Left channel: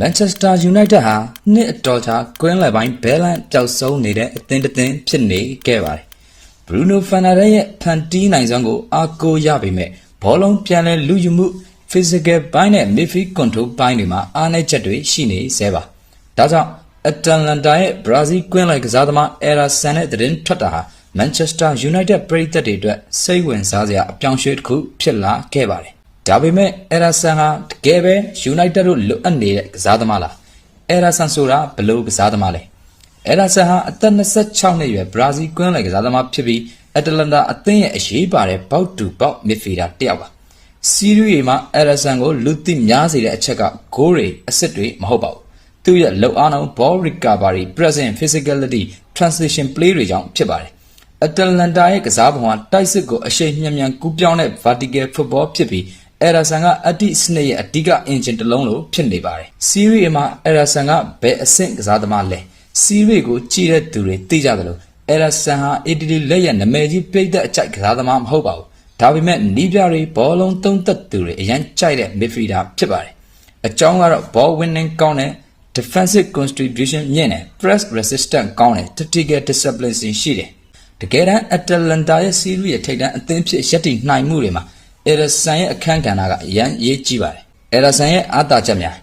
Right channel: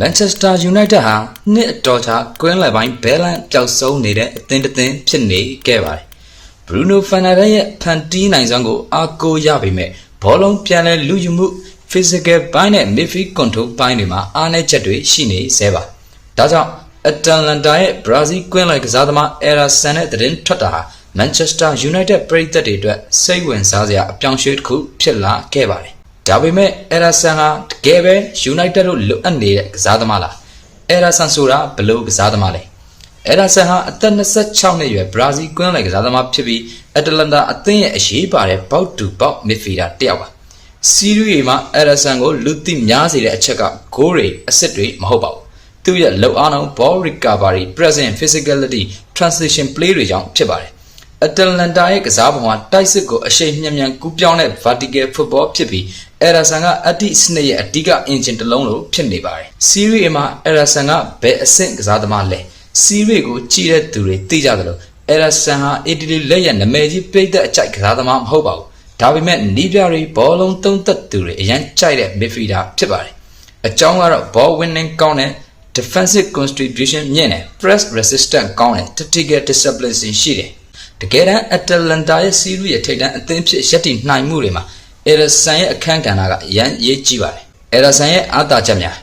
Manchester United ဟာနှစ်အတော်ကြာကွင်းလယ်ပိုင်းဘဲလန့်ပျောက်ဆုံးနေတဲ့အသင်းတစ်သင်းဖြစ်နေခဲ့ပါတယ်။ Bruno Fernandes ရဲ့ဖန်တီးနိုင်စွမ်းကိုအားကိုးရပေမဲ့ဘောလုံးပြန်လည်လူယူမှု physical ဘိုင်းနဲ့ midfield control ဘိုင်းတွေမှာအားနည်းချက်တွေရှိနေသေးပါ။ဒါကြောင့် Atalanta ရဲ့ Brazil ကွင်းလယ်ကစားသမား Ederson နဲ့သတင်းထွက်တာဟာ Manchester United ပရိသတ်တွေအတွက်စိတ်ဝင်စားစရာအပြောင်းအရွှေ့တစ်ခုဖြစ်လာခဲ့ပါတယ်။ဒါပေမဲ့ Ederson ဟာတကယ်ပဲ United တို့လိုအပ်နေတဲ့ကစားသမားလား။ Ederson ဆိုတာဘယ်လိုကစားသမားလဲ။ Ederson ဟာအသက်26နှစ်အရွယ် Brazil ကွင်းလယ်ကစားသမားဖြစ်ပြီး Atalanta အသင်းရဲ့အရေးပါတဲ့ဘောက်တူဘောက် midfielder တစ်ယောက်ပါ။ Serie A မှာ Ederson ကိုလူသိများစေတဲ့အချက်ကဂိုးတွေအစစ်တွေမဟုတ်ပါဘူး။သူ့ရဲ့လှုပ်အားနှုန်း ball recovery, present physicality, transition play တွေကြောင့်ဖြစ်ပါတယ်။ Atalanta ရဲ့ကစားပုံဟာတိုက်စစ်ကိုအရှိန်မြန်ကူးပြောင်းတဲ့ vertical football ဖြစ်ပြီး Ederson ကအတိစနစ်ရဲ့အဓိက engine တစ်လုံးလိုဖြစ်နေပါတယ်။ Serie A မှာ Ederson ကဘယ်အဆင့်ကစားသမားလဲ။ Serie A ကိုကြည့်တဲ့သူတွေသိကြသလို Ederson ဟာ Italy လက်ရဲ့နာမည်ကြီးပိတ်သက်အကြိုက်ကစားသမားမဟုတ်ပါဘူး။ဒါပေမဲ့နီးပြတွေဘောလုံးသုံးသက်သူတွေအရင်ကြိုက်တဲ့ midfielder ဖြစ်ပါတယ်။အကြောင်းကတော့ ball winning ကောင်းတဲ့ defensive contribution မြင့်တယ် press resistant ကောင်းတယ် tactical discipline ရှိတယ်။တကယ်တမ်း Atalanta ရဲ့ Serie A ရဲ့ထိပ်တန်းအသင်းဖြစ်ရပ်တည်နိုင်မှုတွေမှာ Ederson ရဲ့အခန်းကဏ္ဍကအရန်ရေးကြီးပါတယ်။ Ederson ရဲ့အားသာချက်များ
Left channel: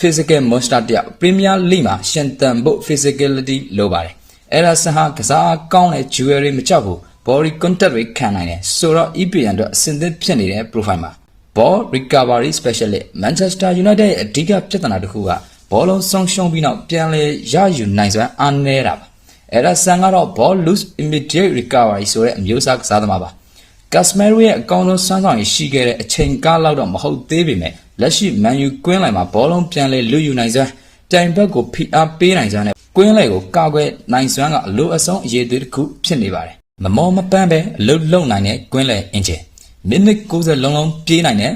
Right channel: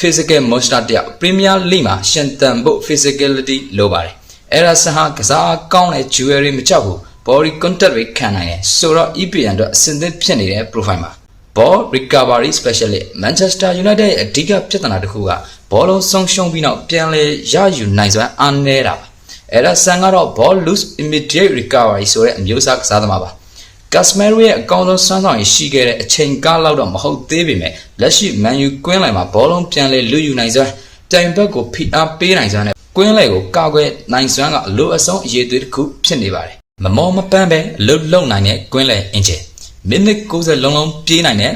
physical monster တယောက် Premier League မှာရှင်သန်ဖို့ physicality လိုပါတယ်။ Ederson ဟာကစားကောင်းတဲ့ jewelry မကြောက်ဘူး body contact တွေခံနိုင်တယ်ဆိုတော့ EPL အတွက်အဆင်သင့်ဖြစ်နေတဲ့ profile မှာ ball recovery specialist Manchester United ရဲ့အဓိကပြဿနာတစ်ခုကဘောလုံးဆုံးရှုံးပြီးနောက်ပြန်လည်ရယူနိုင်စွမ်းအားနည်းတာပါ။ Ederson ကတော့ ball lose immediate recovery ဆိုတဲ့အမျိုးအစားကစားသမားပါ။ Casemiro ရဲ့အကောင်းဆုံးစွမ်းဆောင်ရည်ရှိခဲ့တဲ့အချိန်ကာလလောက်တော့မဟုတ်သေးပေမဲ့လက်ရှိ Man U ကွင်းလယ်မှာဘောလုံးပြန်လည်လူယူနိုင်စွမ်းတိုင်ဘက်ကိုဖိအားပေးနိုင်စွမ်းနဲ့ကွင်းလယ်ကိုကာကွယ်နိုင်စွမ်းကအလိုအဆုံးအရေးသွေးတစ်ခုဖြစ်နေပါတယ်။မမောမပန်းပဲအလုတ်လုံနိုင်တဲ့ကွင်းလယ် engine မိနစ်90လုံးလုံးပြေးနိုင်တဲ့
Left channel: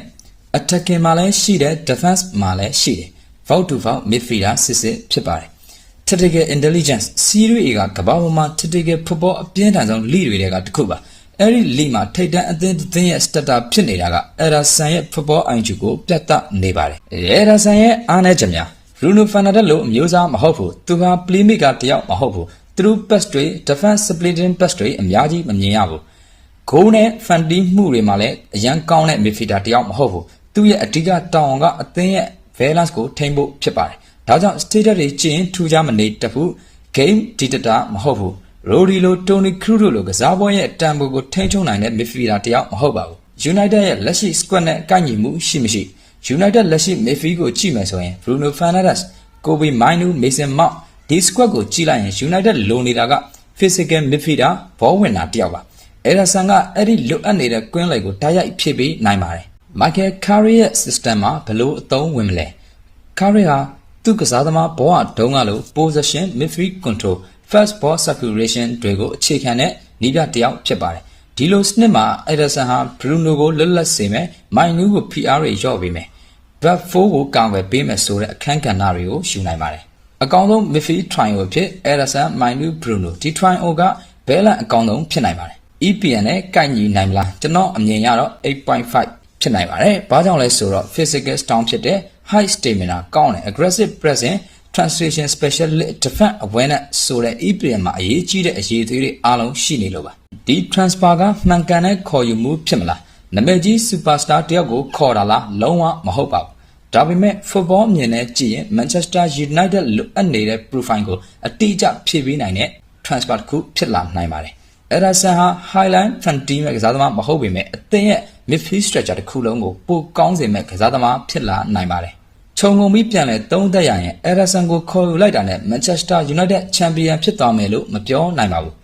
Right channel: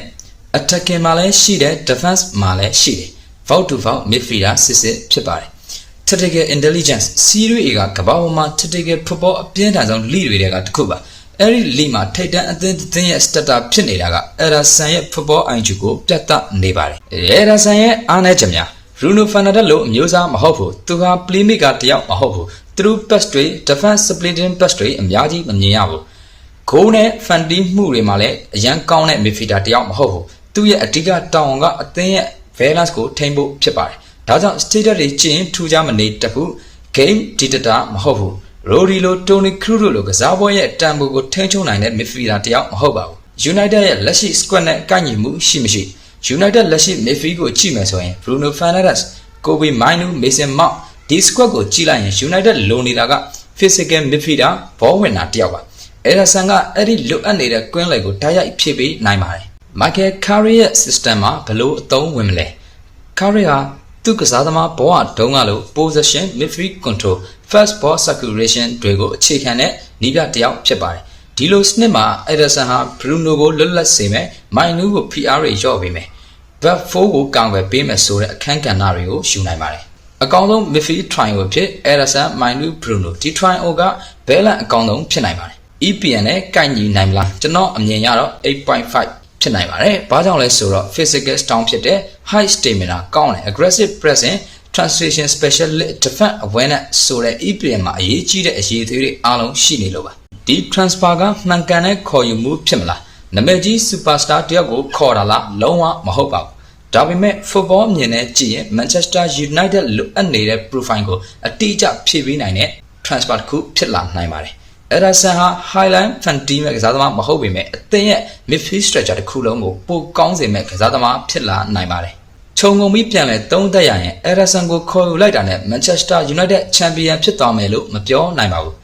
attacking မှာလည်းရှိတဲ့ defense မှာလည်းရှိတယ်။ Vault to vault midfielder စစ်ဖြစ်ပါတယ်။ Tactical intelligence Serie A ကကမ္ဘာပေါ်မှာ tactical football အပြင်းထန်ဆုံး league တွေကတစ်ခုပါ။အဲဒီ league မှာထိပ်တန်းအသင်းရဲ့ starter ဖြစ်နေတာက Ederson ရဲ့ football IQ ကိုပြတ်သားနေပါတယ်။ Ederson ရဲ့အားနည်းချက်များ Bruno Fernandes လိုအမျိုးအစားမဟုတ်ဘူး။သူဟာ playmaker တယောက်မဟုတ်ဘူး။ Through pass တွေ defense splitting pass တွေအများကြီးမမြင်ရဘူး။ ဂိုးနဲ့ဖန်တီးမှုတွေမှာလည်းအရန်ကောင်းတဲ့ midfielder တယောက်မဟုတ်ဘူး။သူ့ရဲ့အဓိကတာဝန်ကအသင်းရဲ့ balance ကိုထိန်းဖို့ဖြစ်ပါတယ်။ဒါကြောင့် status တွေကျင်းထူးခြားမနေတတ်ဘူး game dictator မဟုတ်ဘူး။ Rodri လို Toni Kroos တို့လိုကစားပွဲရဲ့တန်ဖိုးကိုထိန်းချုပ်နိုင်တဲ့ midfielder တယောက်မဟုတ်ပါဘူး။ United ရဲ့လက်ရှိ squad နဲ့ကိုက်ညီမှုရှိမရှိ United လက်ရှိ midfield ကိုကြည့်မယ်ဆိုရင် Bruno Fernandes, Kobe Mainoo, Mason Mount ဒီ squad ကိုကြည့်လိုက်ရင် United လိုနေတာက physical midfielder ဘောဝင်တာတယောက်ပါ။ Ederson ကအဲ့ဒီလွတ်အပ်နေတဲ့ကွင်းလယ်ကိုတိုက်ရိုက်ဖြည့်ပေးနိုင်ပါတယ်။ Michael Carrick ရဲ့ system မှာဘလို့အသုံးဝင်မလဲ။ Carrick ဟာသူ့ကစားသမားဘဝတုန်းကလို possession, midfield control, first ball circulation တွေကိုအခြေခံတဲ့နည်းပြတစ်ယောက်ဖြစ်ပါတယ်။ဒီလိုစနစ်မှာ Ederson ဟာ Bruno ကိုလွတ်လပ်စေမယ် Mainoo ကို PR တွေရော့ပေးမယ် back four ကိုကာကွယ်ပေးမယ်ဆိုတဲ့အခန်းကဏ္ဍတွေကိုယူနိုင်ပါတယ်။အကောင်းဆုံး midfield trio ဖြစ် Ederson, Mainoo, Bruno ဒီ trio ကဘဲလန့်အကောင်းဆုံးဖြစ်နိုင်ပါတယ်။ EPL နဲ့ကိုက်ညီနိုင်မလားကျွန်တော်အမြင်ရတော့ 8.5 ဖြစ်နိုင်ပါတယ်။ဘာကြောင့်လဲဆိုတော့ physical strong ဖြစ်တဲ့ high stamina ကောင်းတယ် aggressive pressing transition specialist defense awareness ဆိုတဲ့ EPL မှာအရေးကြီးတဲ့အရေးအသွေးတွေအားလုံးရှိနေလို့ပါဒီ transfer ကမှန်ကန်တဲ့ခေါ်ယူမှုဖြစ်မလားနာမည်ကြီး superstar တယောက်ကိုခေါ်တာလားလုံးဝမဟုတ်ပါဘူးဒါပေမဲ့ football မြင်နဲ့ကြည့်ရင် Manchester United လိုအပ်နေတဲ့ profile ကိုအတိအကျဖြည့်ပေးနိုင်တဲ့ transfer တစ်ခုဖြစ်လာနိုင်ပါတယ်Ederson ဟာ highline fan team ရဲ့ကစားသမားမဟုတ်ပေမဲ့အသင်းရဲ့ midfield structure တစ်ခုလုံးကိုပိုကောင်းစေမဲ့ကစားသမားဖြစ်လာနိုင်ပါတယ်ခြုံငုံပြီးပြန်လဲသုံးသက်ရရင် Ederson ကိုခေါ်ယူလိုက်တာနဲ့ Manchester United champion ဖြစ်သွားမယ်လို့မပြောနိုင်ပါဘူး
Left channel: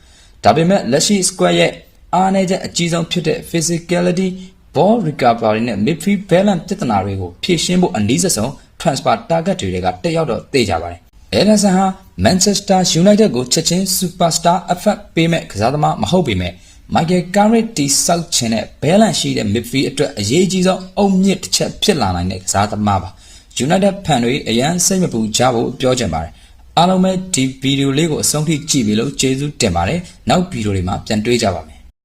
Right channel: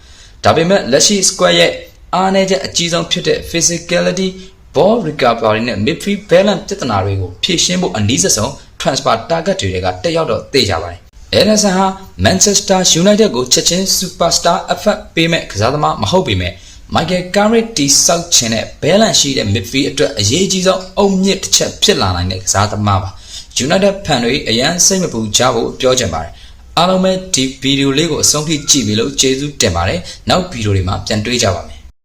ဒါပေမဲ့လက်ရှိ squad ရဲ့အားနည်းချက်အကြီးဆုံးဖြစ်တဲ့ physicality, ball recovery နဲ့ midfield balance ပြဿနာတွေကိုဖြေရှင်းဖို့အနည်းဆုံး transfer target တွေကတက်ရောက်တော့သိကြပါတယ်Ederson ဟာ Manchester United ကိုချက်ချင်း superstar effect ပေးမဲ့ကစားသမားမဟုတ်ပေမဲ့ Michael Carrick တီဆောက်ချင်တဲ့ balance ရှိတဲ့ midfield အတွက်အရေးကြီးဆုံးအုတ်မြစ်တစ်ချက်ဖြစ်လာနိုင်တဲ့ကစားသမားပါ United fan တွေအရန်စိတ်မပူကြဖို့ပြောချင်ပါတယ်အားလုံးပဲဒီဗီဒီယိုလေးကိုအဆုံးထိကြည့်ပြီးလို့ကျေးဇူးတင်ပါတယ်နောက်ဗီဒီယိုတွေမှာပြန်တွေ့ကြပါမယ်